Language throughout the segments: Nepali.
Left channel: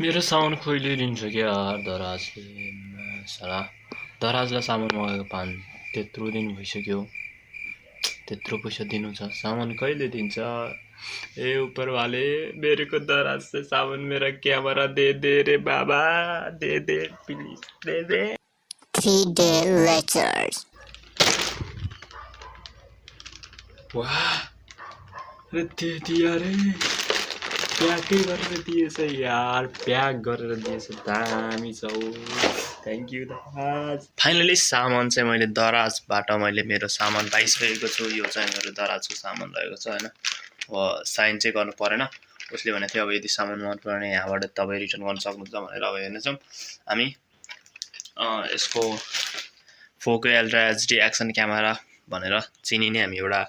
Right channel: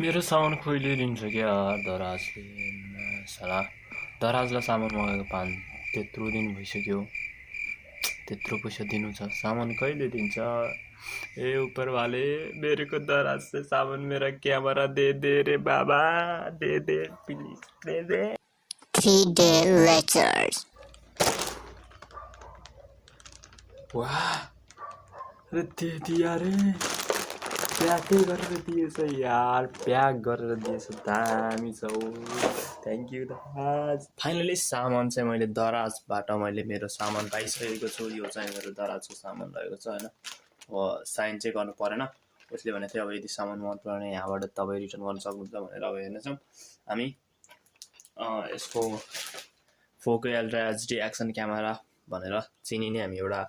मेरो सामान खोइले लिन्छ क्या दराजले साला दराजलाई सामान मगाएको त्यत्रो दिन भइसक्यो त्यत्रो पैसा दिनु छ सामान कहिले दिन्छ ए ऊपर वाले मेरे को दराज से सामान मेरा कैमरा दे रे बाबा they please they 3 days later वाह अरे दे दिया रे प्याकै गरेर दिएछ यार प्याक गरेर दिएछ दामी छ थ्याङ्क यू दराज फाइनली सामान चाहिँ मैले दराजबाट मैले मेरो सामान पाइसकेको छु यो चाहिँ मेरो दराजको सामान रहेको छ हैन अब साइन चाहिँ गर्नु परेन उसले भनेको थियो अब यदि सामान मन परेन यहाँबाट तपाईँ रिटर्न गर्न सक्नुहुन्छ भनेर अब हेर्नेछौँ हामी यसको फोको अल्ट्रा एचडी एक्सन क्यामेरा भनेर चिनिने हामी एउटा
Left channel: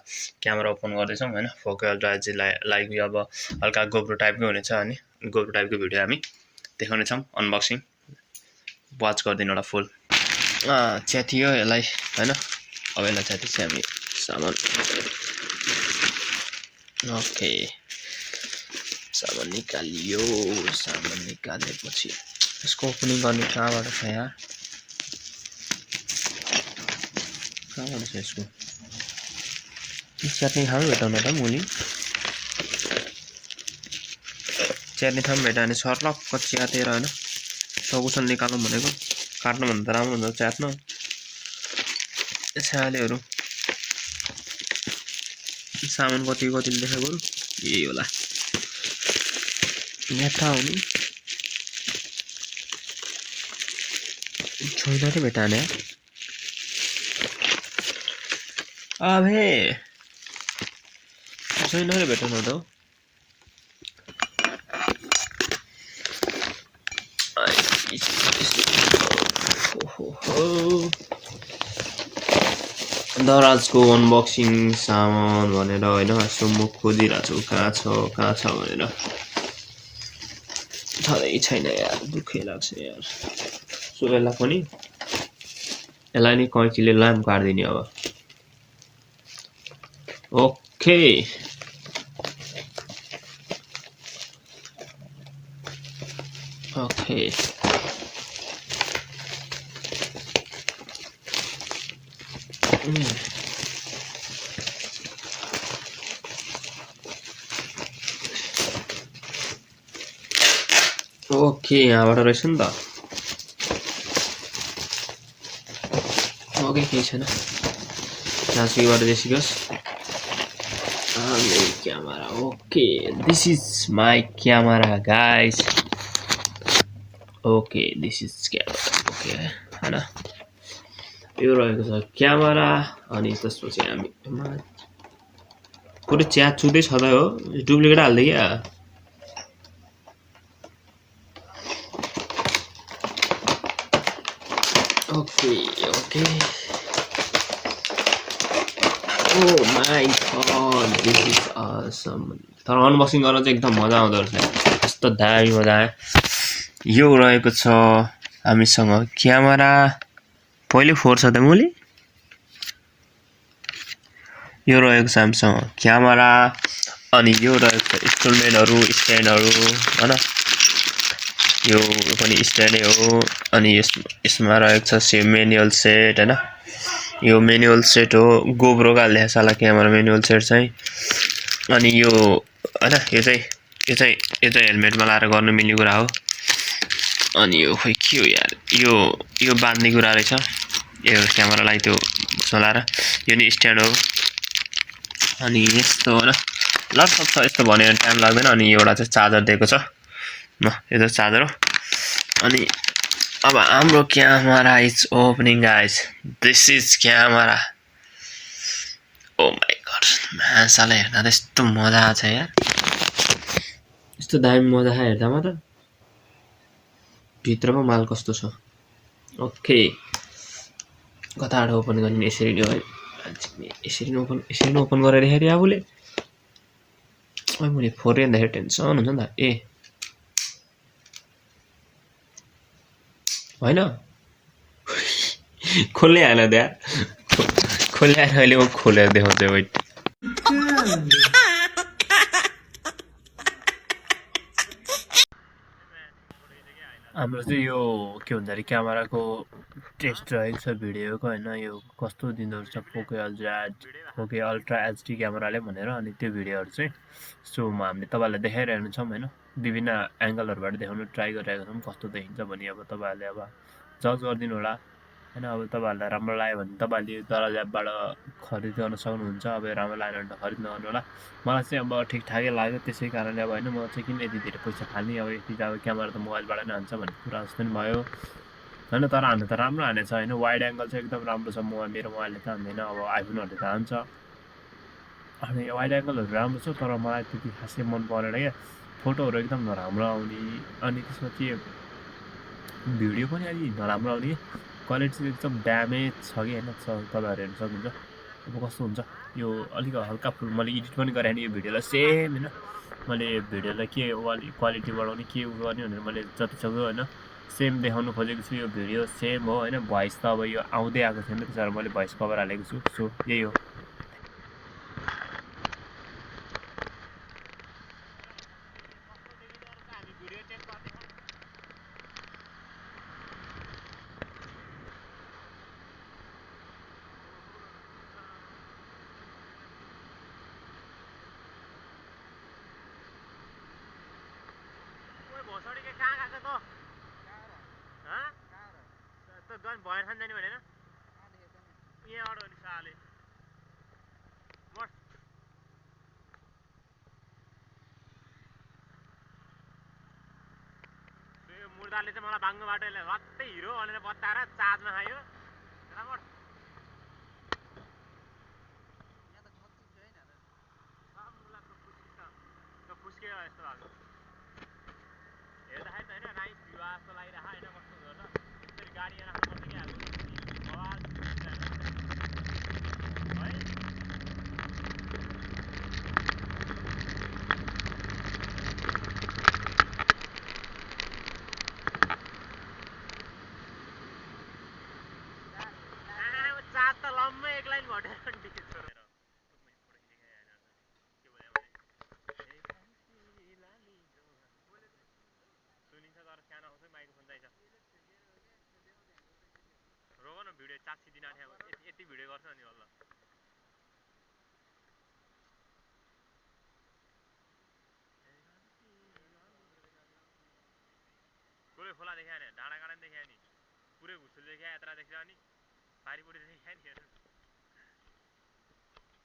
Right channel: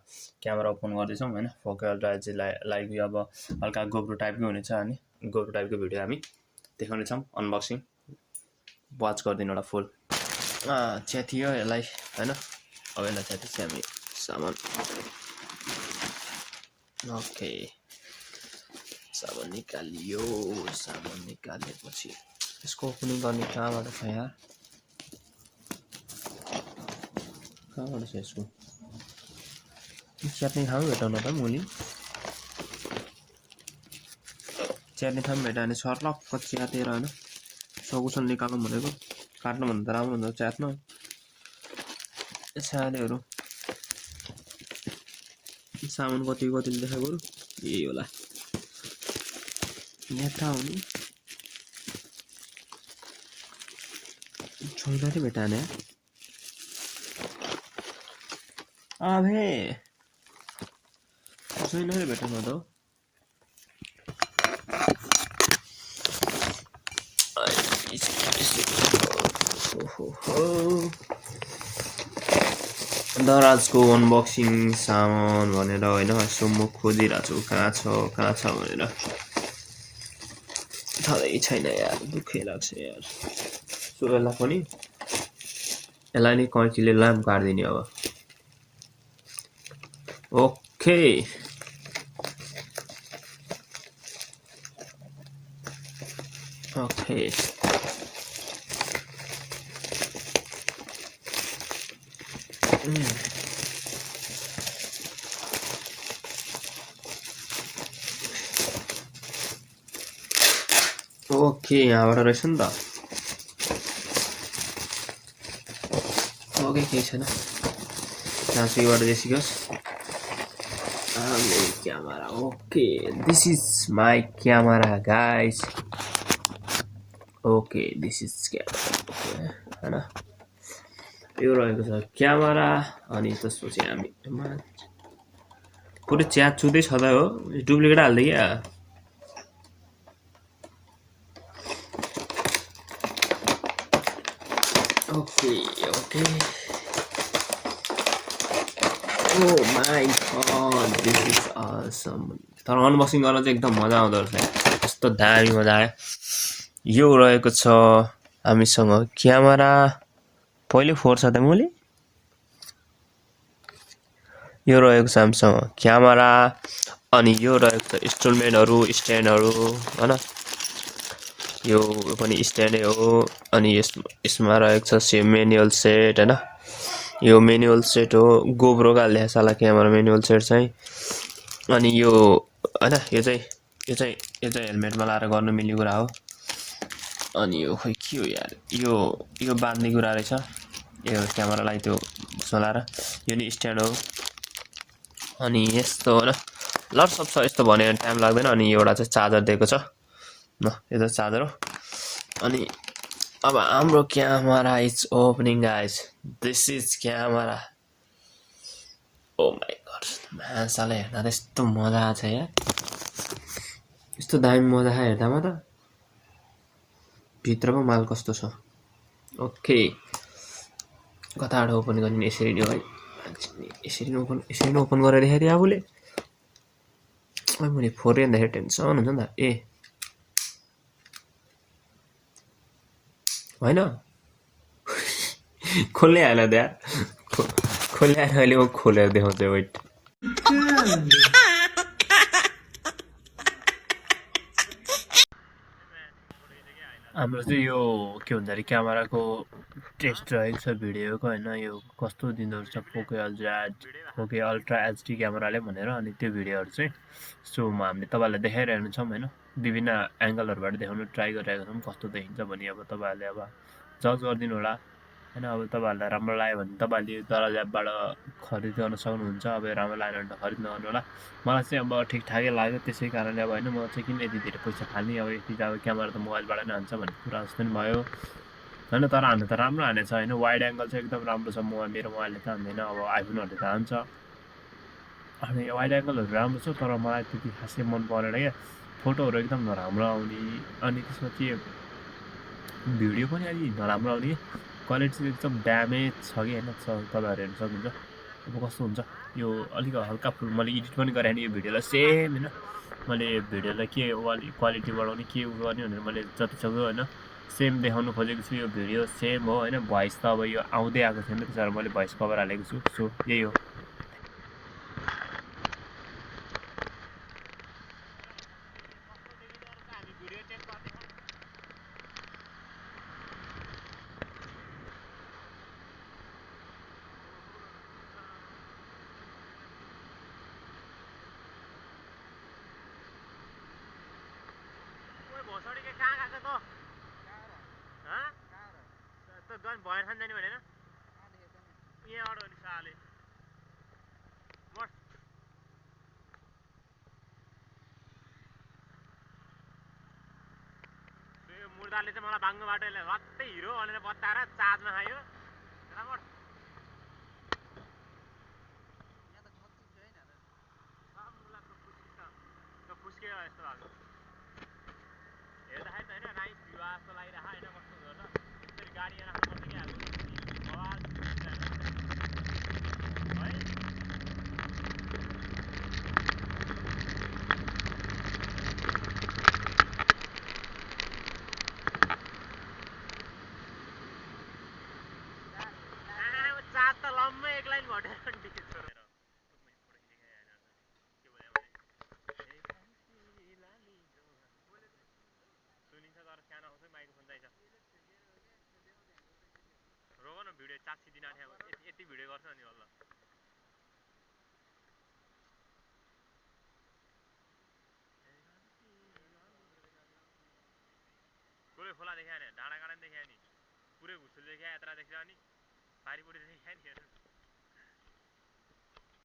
क्यामेरा ओपन गर्दैछौँ हैन फोको अल्ट्रा एचडी लाइक अब हल्का गोप्रो टाइपको हुनेछ अनि गोप्रो टाइपको भिडियो हामी देखाउनेछौँ अनबक्सिङ वाच गरिदिनु एउटा फुल च्यातियो यसलाई हैन अब यसलाई च्यातेपछि हामी सामान ओके सामान निकालियो सामान निकालेपछि यसको ओपनिङ गर्ने कहाँबाट छ यहाँ कहाँबाट छ यसको च्यात्ने ठाउँ भेटाउनु त मुली च्यात्ने ठाउँ भेटायो भने सर्लक्क च्यातेर होइन सकुसन निकालौँ भनेको काट्नुभन्दा त राम्रो हुन्छ च्यात्न छालेहरू सामान कति देखाएको यही होला यहाँ थाहा हुने छैन रे भेटाने अबे छैन रे भेटाउनु त दराजको अनबक्सिङ सामान भनेर होइन यसो म खोजिरहेको छु कहाँ छ भनेर थाहै छैन यार दुःखै लाग्छ यार सो यसलाई नि कैँचीले लाम काट्दिने अब ओके ओके यहाँबाट रहेछ नि त ओके केही छैन ट्रान्सफरबाट देसियोस् camera okay this is my camera guys okay this is camera okay हैन यो रहेको छ क्यामेरा अनि त्यसपछि हामी पुरै च्याट चुदै छ त हो डुप्लिकेट हाल्दै क्या okay Oh my god, this is awesome. तर अनबक्सिङ गर्न चाहिँ एकदम मजा आउँदो रहेछ कस्तो दामी मजा आयो यो रहेको छ हामीसँग क्यामेरा पहिले फोर छ त मुली यो रहेको छ हामीसँग क्यामेरा अनि यो रहेको छ इन्स्ट्रुमेन्टहरु स्ट्यान्डहरु हैन यो पनि स्ट्यान्डै हो अनि यसमा रहेको छ म्यानुअल सेट हैन यो म्यानुअल सेट हो गोप्रो का हाल्ने साला क्यामेरा म्यानुअल सेट चाहिँ अनि यो हैन यो चाहिँ हेलमेटमा लाएर गर्न मिल्ने कुरा हो अनि यो खोइ के हो यार यो बाँध्ने कुरा रहेछ यो क्यामेरालाई त्यो चलाएर यो नि स्ट्यान्ड हो अनि यस्तो हो र लट्सप छ यस्तो भने टाइम लाग्दैन अनि एउटा चाहिँ चार्जर दिएको छ न यो त चार्जर हो अनि अब हाम्रो camera is opening guys this is camera oh my god मान्छेले हेर्दा यस्तो मजा आछ यार यस्तो दामी मजा आयो हेर्दामा त भित्रको माल कस्तो छ ओके कताबाट ओपन गर्ने यसरी नै हो यसरी ओपन गरेर हेरे आफुले अब मैले फोरे हेर्दा टेन्सन हुन्छ नि त ए हैन खोल्ने हाल्यो त्यहाँ खोल्ने अहिले म खोलेर देखाउँछु वेट हाम्रो चाहिँ यो के भन्छ अरे क्यामेराको टेस्ट रहेको छ भिडियोको होइन यो कस्तो दिँदो रहेछ पोके अल्ट्रा एचडी क्यामेराले भनेर अनि त्यो भिडियोहरू चाहिँ सो हामीले तपाईँहरूलाई देखाइरहेको छौँ होइन विभिन्न एङ्गलहरूबाट देखाउनु ट्राई गरिरहेको छौँ कस्तो देखिन्छ भने अब तपाईँहरूले अब जज गरिदिनु होला होइन अब तपाईँहरूलाई राम्रो लाग्यो भने तपाईँहरूले दराज एपबाट खरिद गर्न सक्नुहुन्छ अब राम्रो लागेन भने त खरिद नगर्नु होला मलाई चाहिँ अब ठिकठाकै लाग्यो त्यसै कारणले अब होइन म चाहिँ किन यति धेरै पैसा फाल्ने अब यति त अब क्यामेरा त मोबाइलबाट नै हान्छ भन्ने कुरा जस्तो नि भयो होइन तर हान्नु त राम्रो हानेछ होइन वाइड एङ्गल चाहिँ एकदम राम्रो छ मेरो मोबाइलले त हान्दैन अब आइफोनहरूले त हान्छ अनि वाइड एङ्गलहरू राम्रो छ तर मलाई त्यति खासै मन परेन क्या फोटोहरू एकदम नराम्रो आउने अनि त्यसपछि भिडियो पनि अलिक नराम्रो आउने क्वालिटी चाहिँ एकदम ड्यामेज छ कि होइन तपाईँहरू हेर्न सक्नुहुन्छ अब कस्तो हुन्छ यो अलिक हल्का फुल मैले एडिट पनि गरेँ नि यो भिडियोलाई सेम होइन मैले भिडियोलाई के क्वालिटी बढाउने के गर्ने भनेर मैले जतिसक्दो होइन सेम देखाउनु खोजेको छु यो भिडियो सेम हो होइन भोइस त अब यो आउँदै आएको छैन त्यसो भएर मैले भोइस कभर हालेको छु सो यही हो भोसडी के कहाँ गएको त त गन भएर खान जाने भनेर यहाँबाट हो नि साले यो मुर्दाले चाहिँ मलाई भाङ्गो बाटो रत्तै हिरो भनेर बताएर चार्जमा खायो रामर फुस्कियो यस्तो भएको हेर्दाखेरि त होइन नाइस भ्यू जस्तो लागिरहेको होइन कस्तो हुन्छ यसरी गाडी राख्नुपर्छ क्या आवाज है चार्ज त लम्मै एक लाइन घटेर सुनिन्छ तर सानो आउँछ माइक्रोफोन चाहिन्छ रोग न भिडियो 400 दिन आँट्यो यति भिडियो गर्छ अनि बल्ल पुरै खोला देखायो नि डाँडाकाँडा पनि देखायो नि पुरै घुसुल देखायो यत्रा देख्छ अनि पारिपट्टि देखायो नि